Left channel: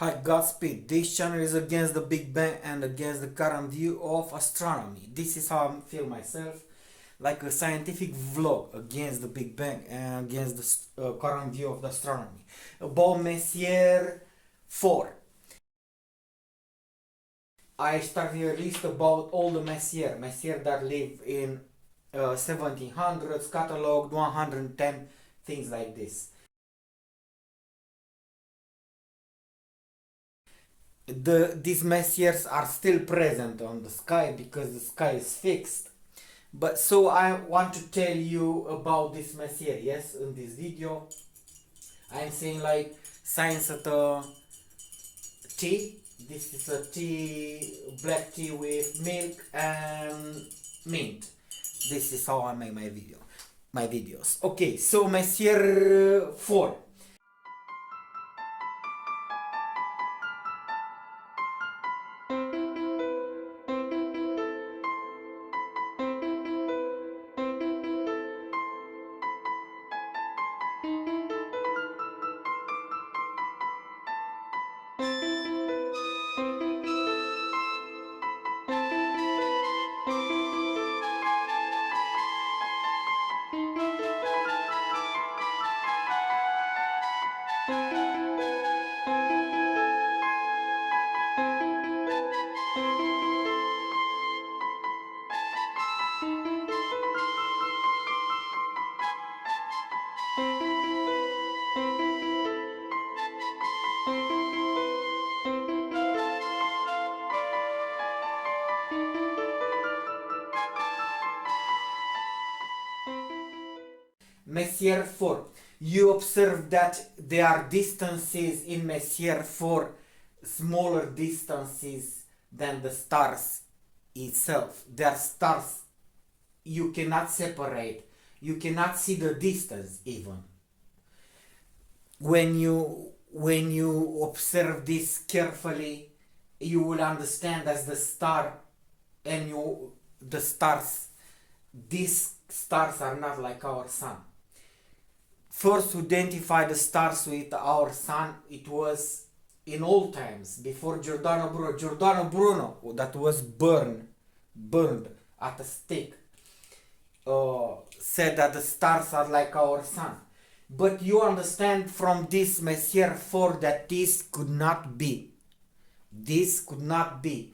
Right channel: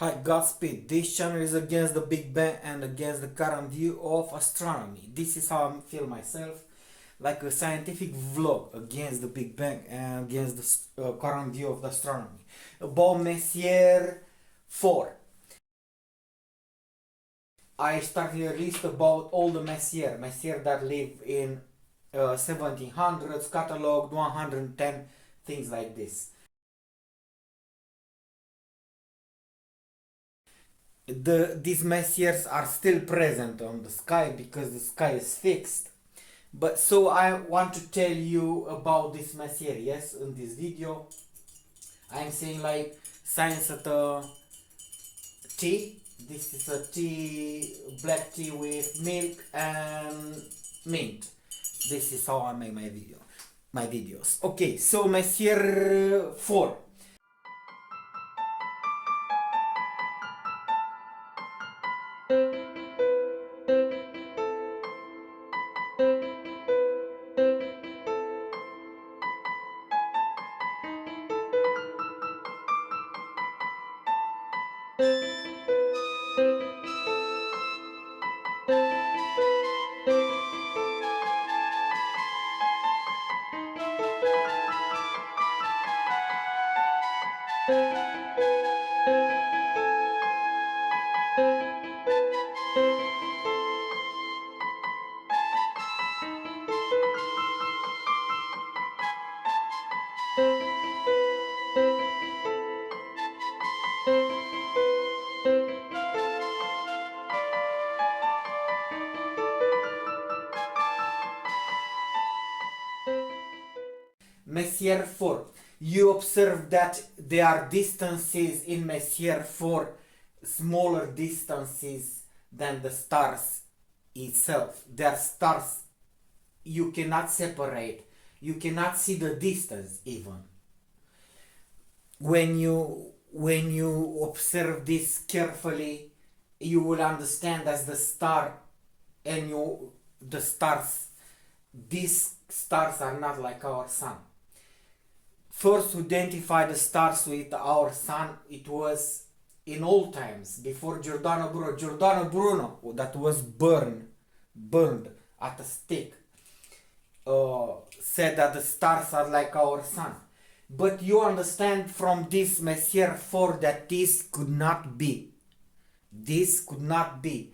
Hi Godspeed, this channel is against the Big Bang and against the current view of astronomy. This is how I feel myself, like a scientific vlog against the Big Bang and against the current view of the astronomy. About Messier 4. I started a list about all the Messier that live in 1700s, cataloged 110, things like this. These Messiers are still present on the sky because the sky is fixed. But so I want to tell you about this Messier. Yes, in this video I'm saying like science at a tea. This is a tea, black tea with milk and mint. This is how I make my videos. Okay, so Messier 4. Messier 4. You observe that there are distances in Messier 4, smaller distances than the stars itself. There are stars you cannot separate. You cannot see the distance even. When you observe this carefully, you will understand as the star and the stars, these stars are not like our sun. First to identify the stars with our sun, it was in old times before Giordano Bruno, that was burned at a stake, said that the stars are like our sun. But you understand from this Messier 4 that this could not be. This could not be.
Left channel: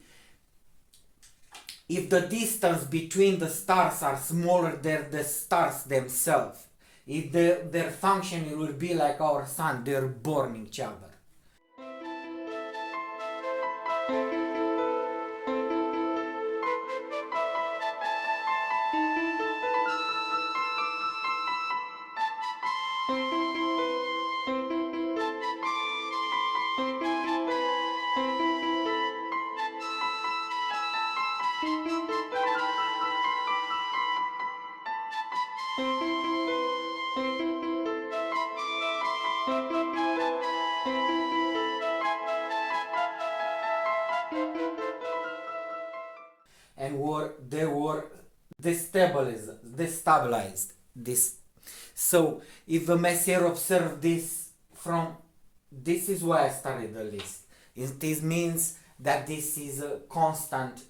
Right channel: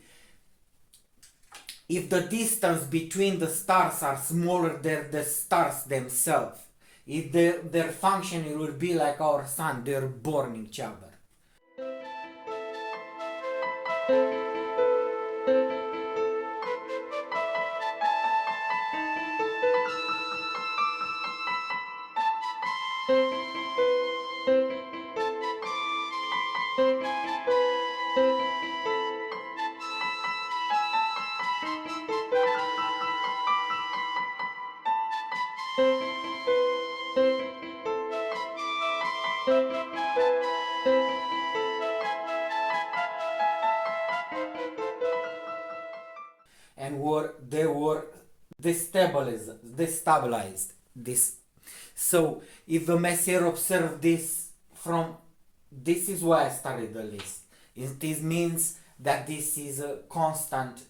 If the distance between the stars are smaller than the stars themselves, if their function will be like our sun, they're burning each other. And they were destabilized this. So if the Messier observed this from, this is why I started the list. This means that this is a constant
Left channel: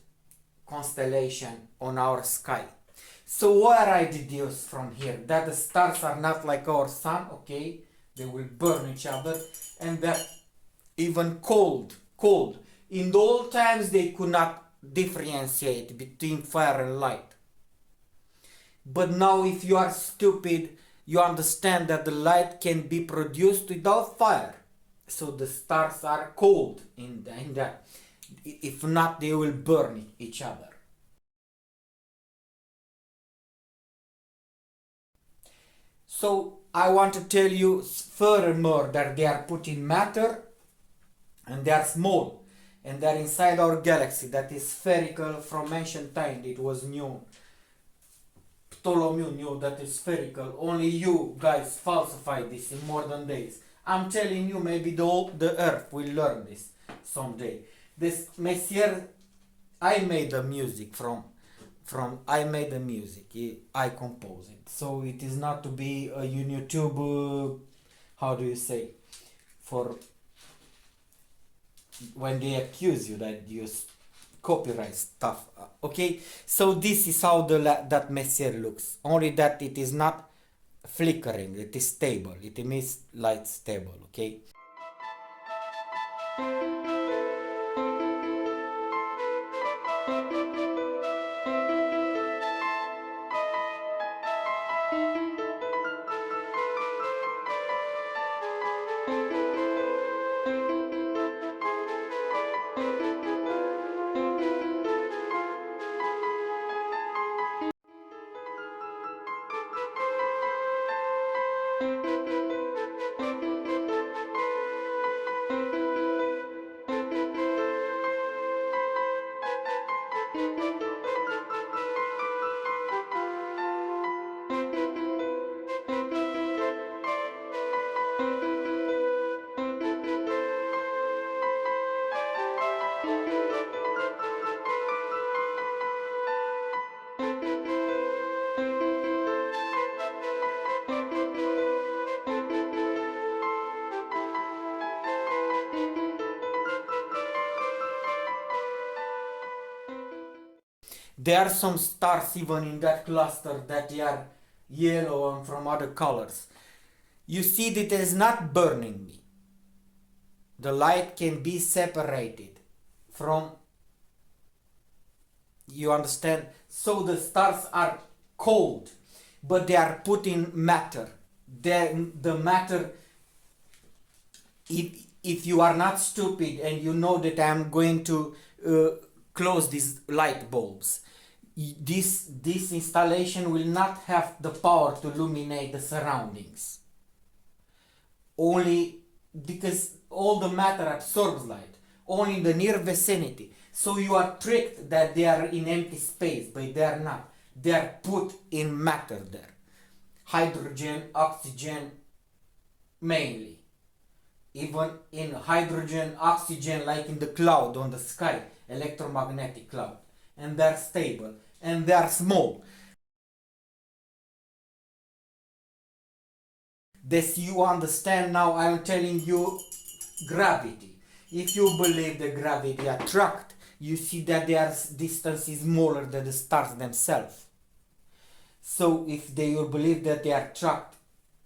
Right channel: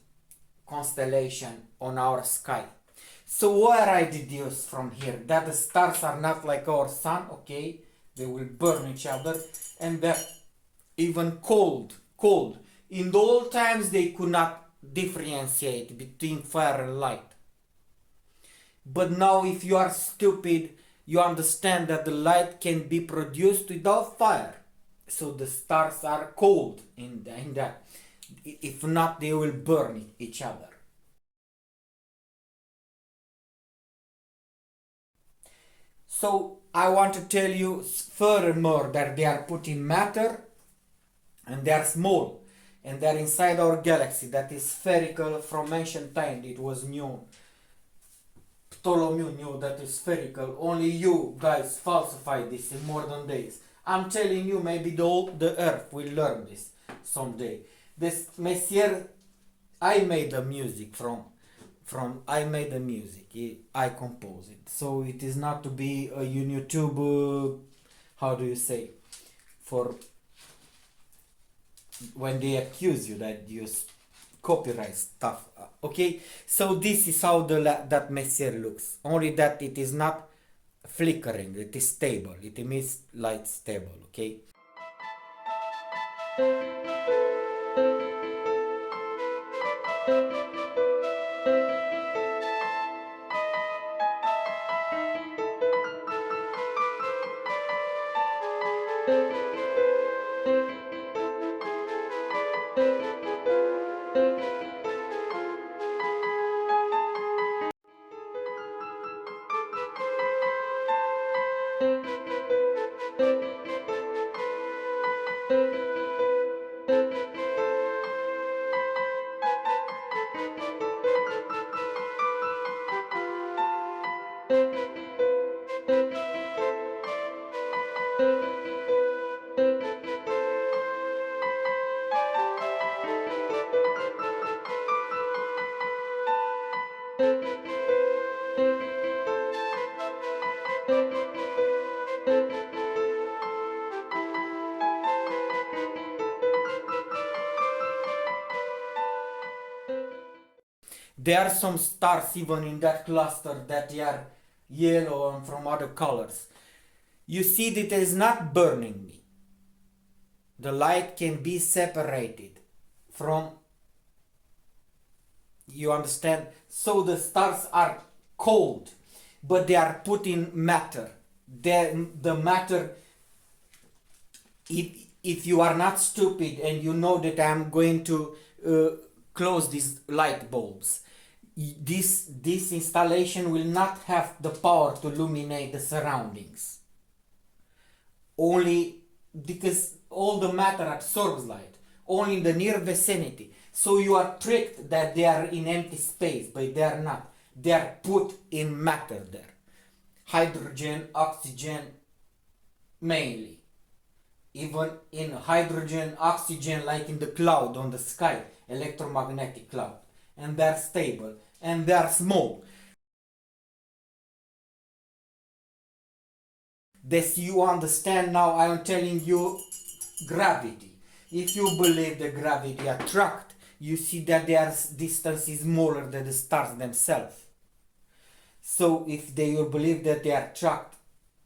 constellation on our sky. So what I deduce from here, that the stars are not like our sun, okay, they will burn each other, and that even cold. In the old times they could not differentiate between fire and light. But now if you are stupid, you understand that the light can be produced without fire. So the stars are cold in that. If not, they will burn each other. So I want to tell you furthermore that they are putting matter and they are small and they're inside our galaxy that is spherical from ancient time. It was known. Ptolemy knew that is spherical. Only you guys falsified this in modern days. I'm telling you, maybe the earth will learn this someday. This Messier, I made the music I made the music. I compose it. So it is not to be a YouTube, how do you say, for when they accuse you that you copyright stuff. Okay, so this is how that Messier looks, only that it is not flickering, it is stable, it emits light stable. Okay, there are some stars even in that cluster that they are yellow and from other colors. You see that it is not burning me. The light can be separated from, you understand? So the stars are cold, but they are put in matter. The matter, if you are not stupid and you know that I'm going to close these light bulbs, this installation will not have the power to illuminate the surroundings, only because all the matter absorbs light only in the near vicinity. So you are tricked that they are in empty space, but they are not. They are put in matter there, hydrogen, oxygen mainly. Even in hydrogen, oxygen, like in the cloud on the sky, electromagnetic cloud, and they're stable and they're small. This you understand now. I am telling you gravity. If you believe the gravity attract, you see that their distance is smaller than the stars themselves. So if they will believe that they are attract,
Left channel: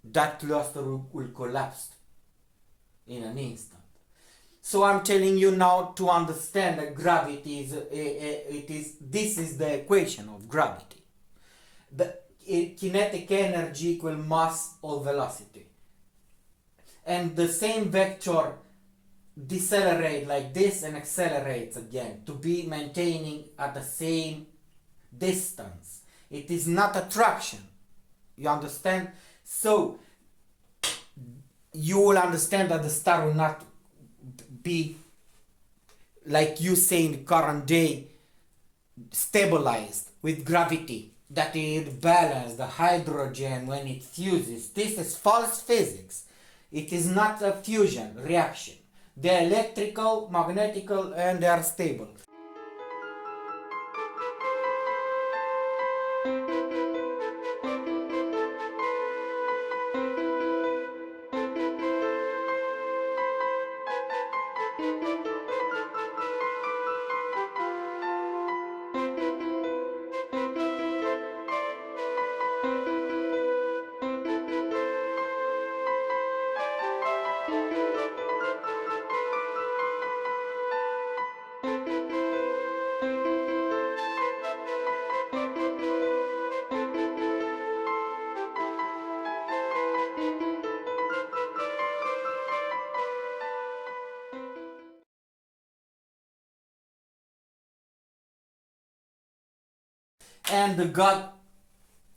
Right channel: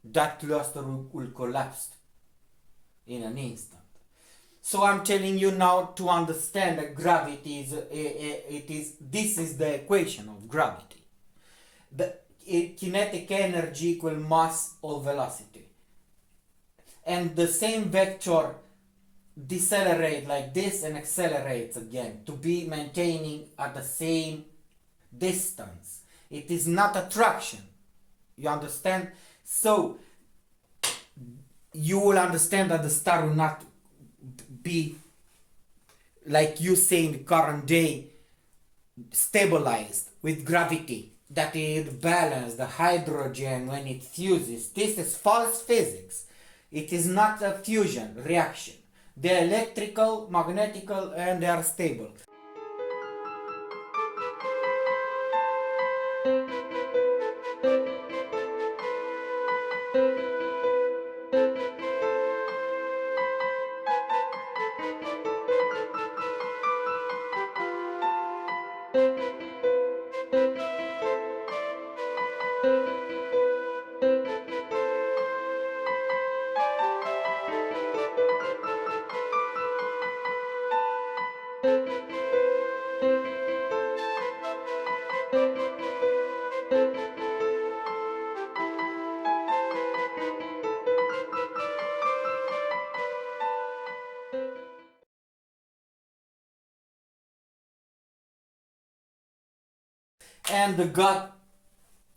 that cluster will collapse in an instant. So I'm telling you now to understand that gravity is this is the equation of gravity. The kinetic energy equal mass or velocity, and the same vector decelerate like this and accelerates again to be maintaining at the same distance. It is not attraction, you understand? So you will understand that the star will not be, like you say in the current day, stabilized with gravity, that it balance the hydrogen when it fuses. This is false physics. It is not a fusion reaction. They are electrical, magnetical, and they are stable. And God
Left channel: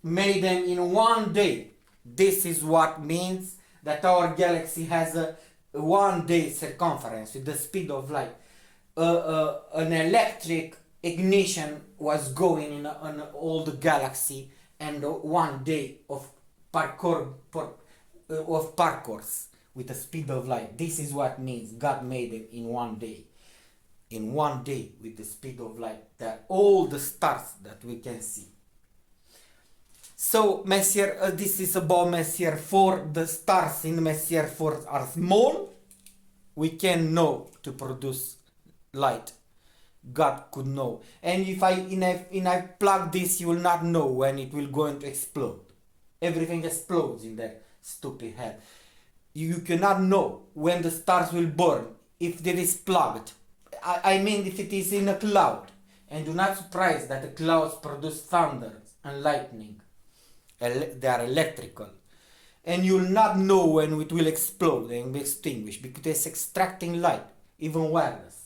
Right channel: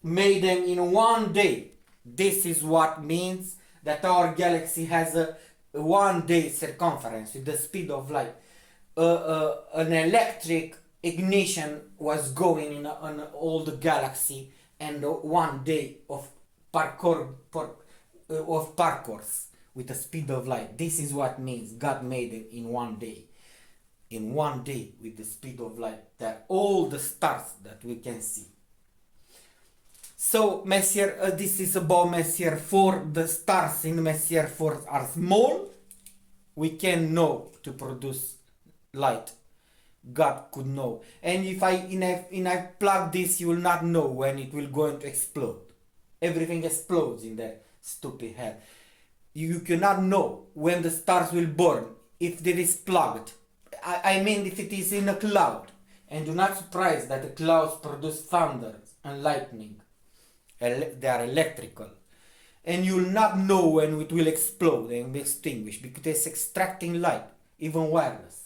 made them in one day. This is what means that our galaxy has a 1 day circumference with the speed of light. An electric ignition was going in on all the galaxy, and 1 day of parcours with the speed of light. This is what means God made it in 1 day. In 1 day with the speed of light, that all the stars that we can see. So Messier, this is about Messier 4. The stars in Messier 4 are small, we can know to produce light. God could know. And if I plug this, you will not know when it will going to explode. Everything explodes in that stupid head. You cannot know when the stars will burn if it is plugged. I mean if it is in a cloud. And do not surprise that the clouds produce thunder and lightning. They are electrical. And you'll not know when it will explode and be extinguished because it's extracting light, even wireless.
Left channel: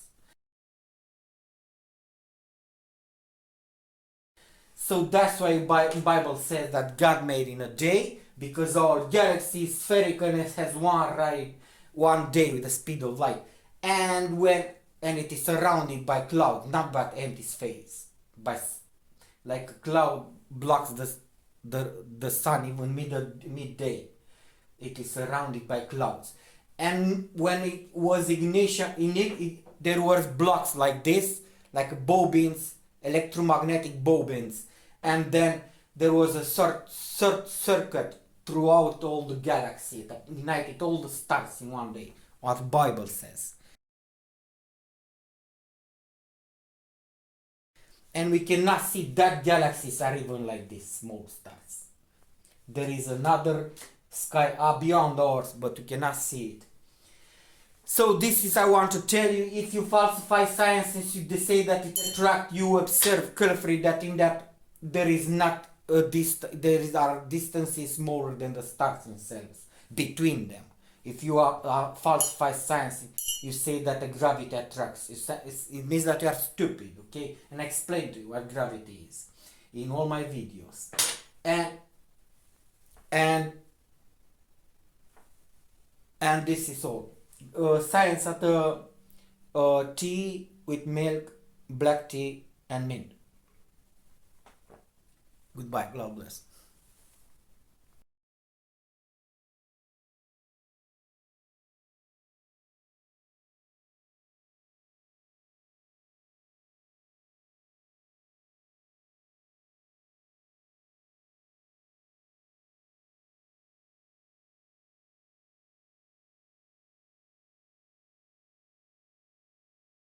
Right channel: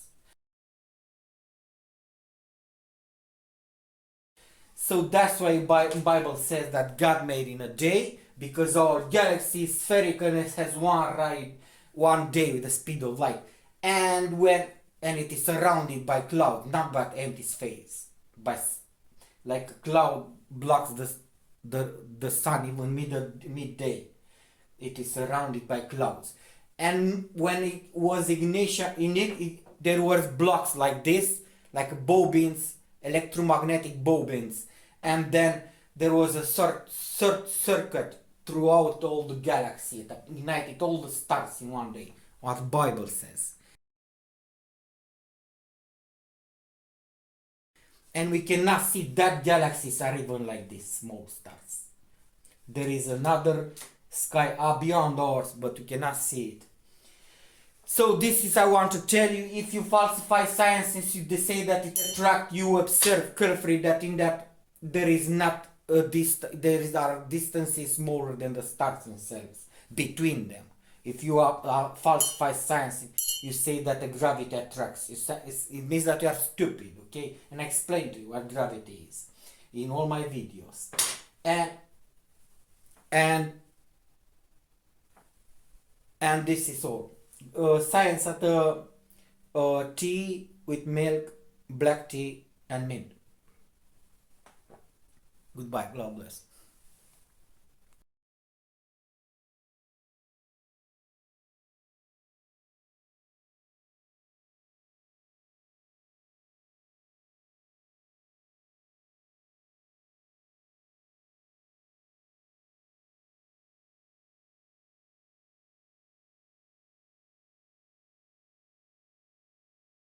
So that's why Bible says that God made in a day, because our galaxy is spherical and it has one day with the speed of light, and it is surrounded by clouds, not by empty space, by like a cloud blocks the sun even midday. It is surrounded by clouds, and when it was ignition in it, there was blocks like this, like bobbins, electromagnetic bobbins, and then there was a circuit throughout all the galaxy that ignited all the stars in one day, what the Bible says. And we cannot see that galaxies are even like this small stars. There is another sky beyond ours, but we cannot see it. So this is I want to tell you, if you falsify science and you say that it attracts, you observe carefully that in that there is not are distances smaller than the stars themselves between them. If you falsify science, you say that the gravity attracts. It means that you are stupid, okay? And I explain to you what gravity is in all my videos. And this is all. Science at tea with milk, black tea, and mint. Goodbye. God bless.